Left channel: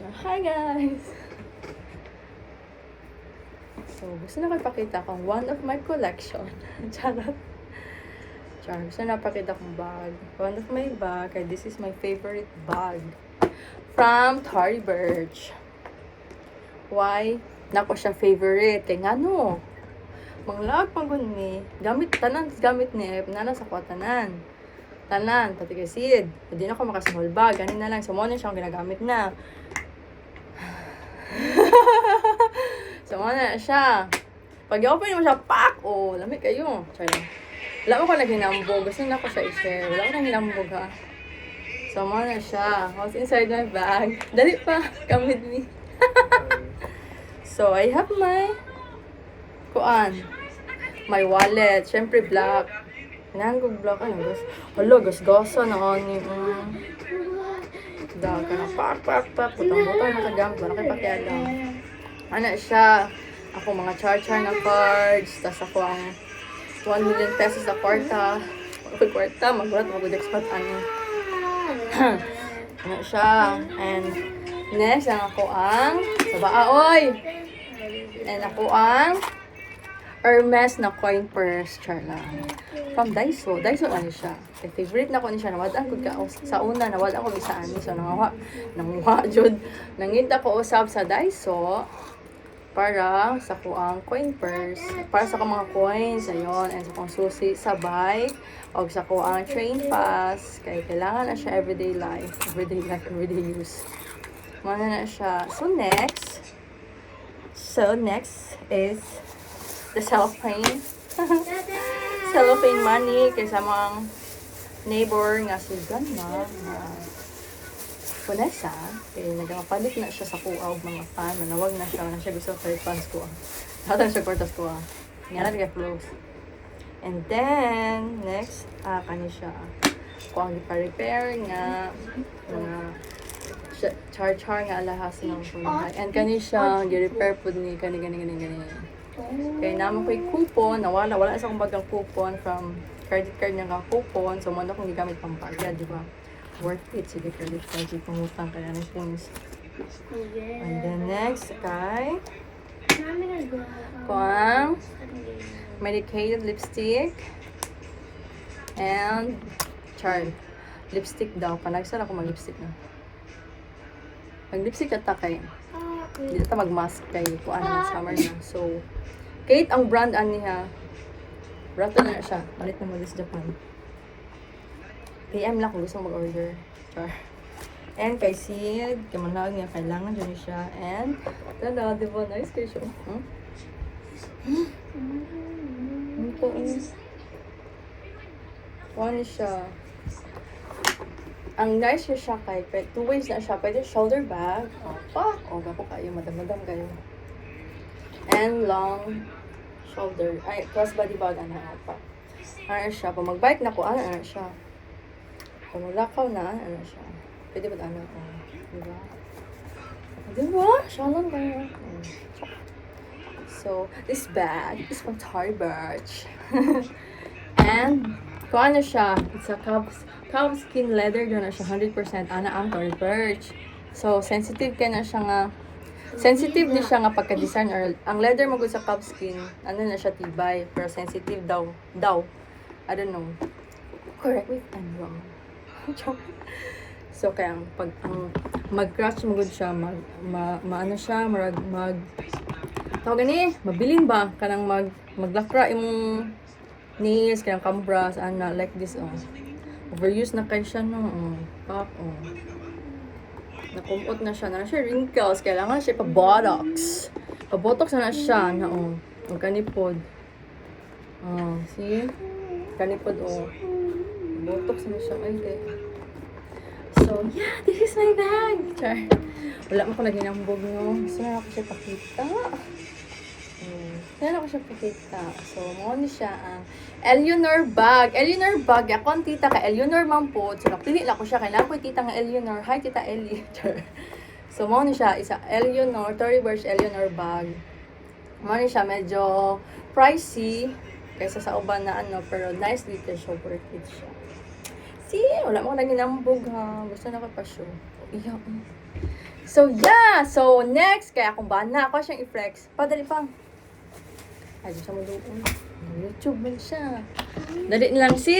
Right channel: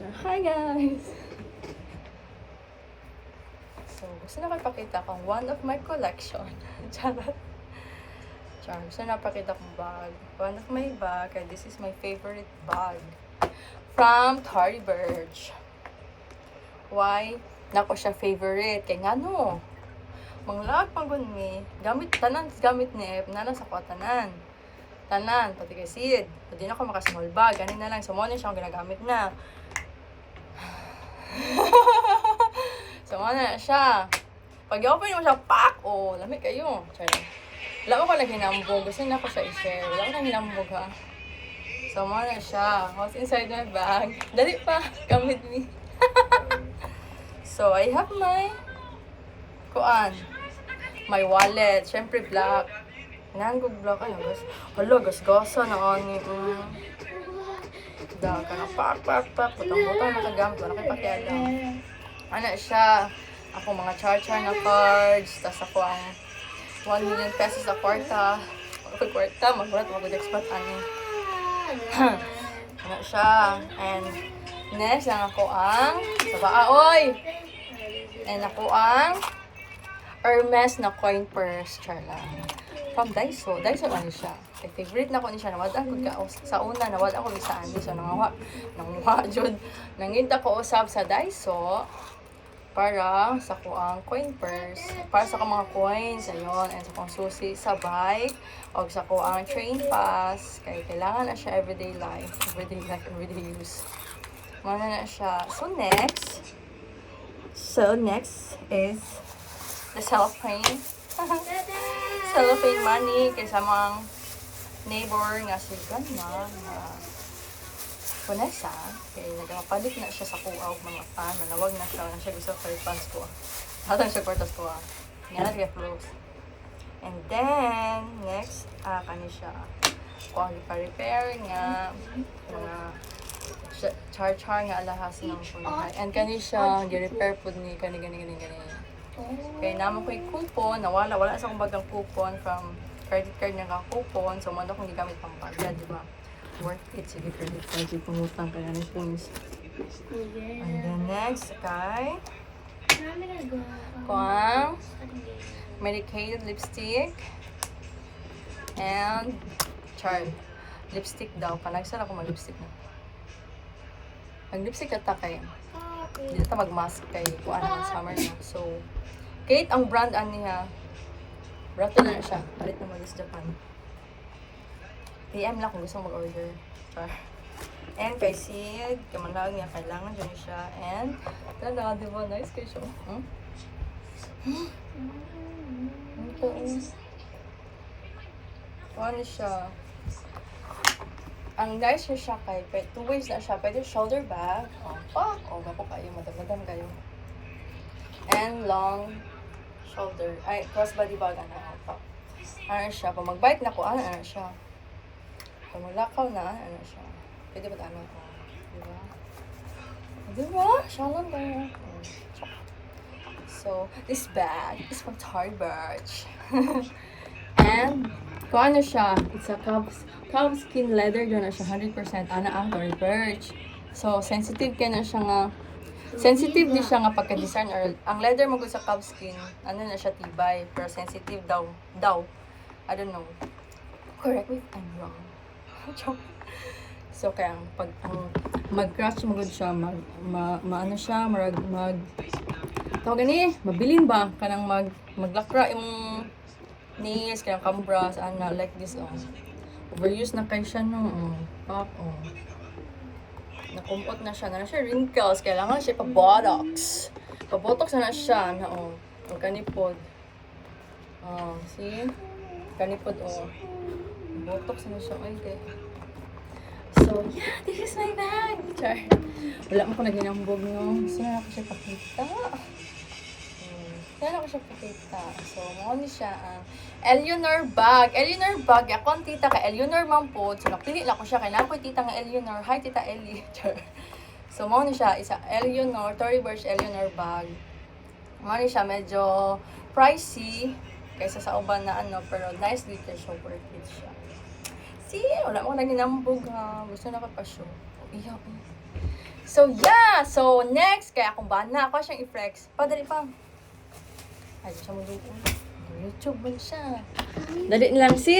Hi guys! So, gusto na ko ipakita kong one of my collection. Charot. Char, gusto na pakita kong bag. One of my bag. And this is my favorite bag. From Tory Burch. Why? Nako siya favorite. Kaya nga no. Manglag pagod ni. Gamit, tanan, gamit ni. Nana sa kwatanan. Tanan, pati kay Sid. Hindi na ako makasmall bag. Ganin na lang. So, mo na siya ang ginagamit na. So, na siya. Pag i-open mo siya, pak! Oh, lamig kayo. Sorry. Wala ko naghinambog. Gusto na ko siya i-share. Wala ko naghinambog, ha. So, na siya. What's inside my bag? Dali pa. Come with me. So, I have my my wallet. Siyempre, black. Nanggog black. Ano, gas? Hala, gas-gasa na ani. Dahil ka na pak. Butang-butang nakagamit. Wala kayo pakialam. Ano siya? Ako mga char-char na cards. Tapos ako ang 1 million pesos sa kwarta. Magbulat mag-expert ano. Ano siya? And next, ang ako ang sabaaoy! And ako ang Hermes na coin purse. Char lang. From Daiso. Daiso ano siya? Kay favorite na ko ni siya. Nawadaan ko ka. Sa una, nawala ko saan. So, nangawa, jud. Nangita ko usab sa Daiso para sa kuang coin purse. Para sa mga coins. Ayun. And sa kong susi sa bike. O sa kuang train pass. Kaya kailangan na siya everyday life. Everyday use. Mana na siya. So, next is the cellophane. Cellophane money kaysa mga neighbor nga si Grandma na Vanessa kaya nagpapalit na siya sa kuaw mga pan manawag na siya gusto palit pans ko hatang siya kwartas ko nga na flows. And then next kani siya kuang gipa-repair nga mga char-char nga alahas ng punuhay. And kani siya gi-repair pud ni kani kaya naman ko yung coupon, wala sa akong bagang coupon from credit card niya nga coupon. So, muna akong gigamit pang bayad, di ba? Worth it, sige credit card. Sige pangutang kaya na things. And then next, kay kuang medicated lipstick and lipstick daw. Panagsara ko mag-lipstick na. Mag-lipstick ata kay hindi ata mag-mask kay kuan na summer na. So, Kate ang brand niya. Rato na siya. Malit na mag-is Japan. PM lang kung gusto mag-order. Char. And kay Sid, kamanawag niya, kailangan dyan siya. And, tada, diba? Nice kayo siya. Ano siya? Ang nice siya kay, 2 ways na siya. Pwede shoulder bag. O, pak! O, gapo kayo. Madam-madam kayo. And long shoulder, crossbody bag, ano siya, pag mag-bike na ko, ano siya, pag maglakaw na, ano siya, pwede ba diba? Siya lang na. So, this bag is from Tory Burch. And, kung ano siya, it's a calfskin leather, doon na siya, 100% ana ang Tory Burch. So, sensitive ka na siya nga, sensitive din siya nga pagka-design or ang leather mo sa calfskin, ano na siya tibay, pero sensitive daw. I don't know. Correct me if I'm wrong. So kaya pag mag-crash mo gud siya, maano siya, tawag ni, mabilin ba kanang maglakra imong nails kanang cambras ana like this overuse na kay siya no. Nakumpot na siya wrinkles, kailangan siya pa-botox na siya na kanipod. See? Kanipod botox na siya. Okay. So, yeah, this is my bag. Char. Wala mo ko naghinambog mo. Saan ako siya pakita? So, mo ni siya ang Eleanor bag. Eleanor bag. Ako ang tita ka Eleanor man po. So, napili lang ko siya. Kailangan ko yung tita nga Eleanor. Hi, tita Ellie. So, mo ni siya. Isa Eleanor. Tory Burch Eleanor bag. Mo ni siya. Medyo pricey. Kaysa sa uban na pero nice dito siya. Worth it siya. See? Wala mo ko naging nambog ha. Gusto na ka pa show. Iyak. So, yeah! So, next, kaya kung ba na ako siyang i-flex, padali pa. Ay, di siya mo doon. YouTube man siya. Dali lang, sis.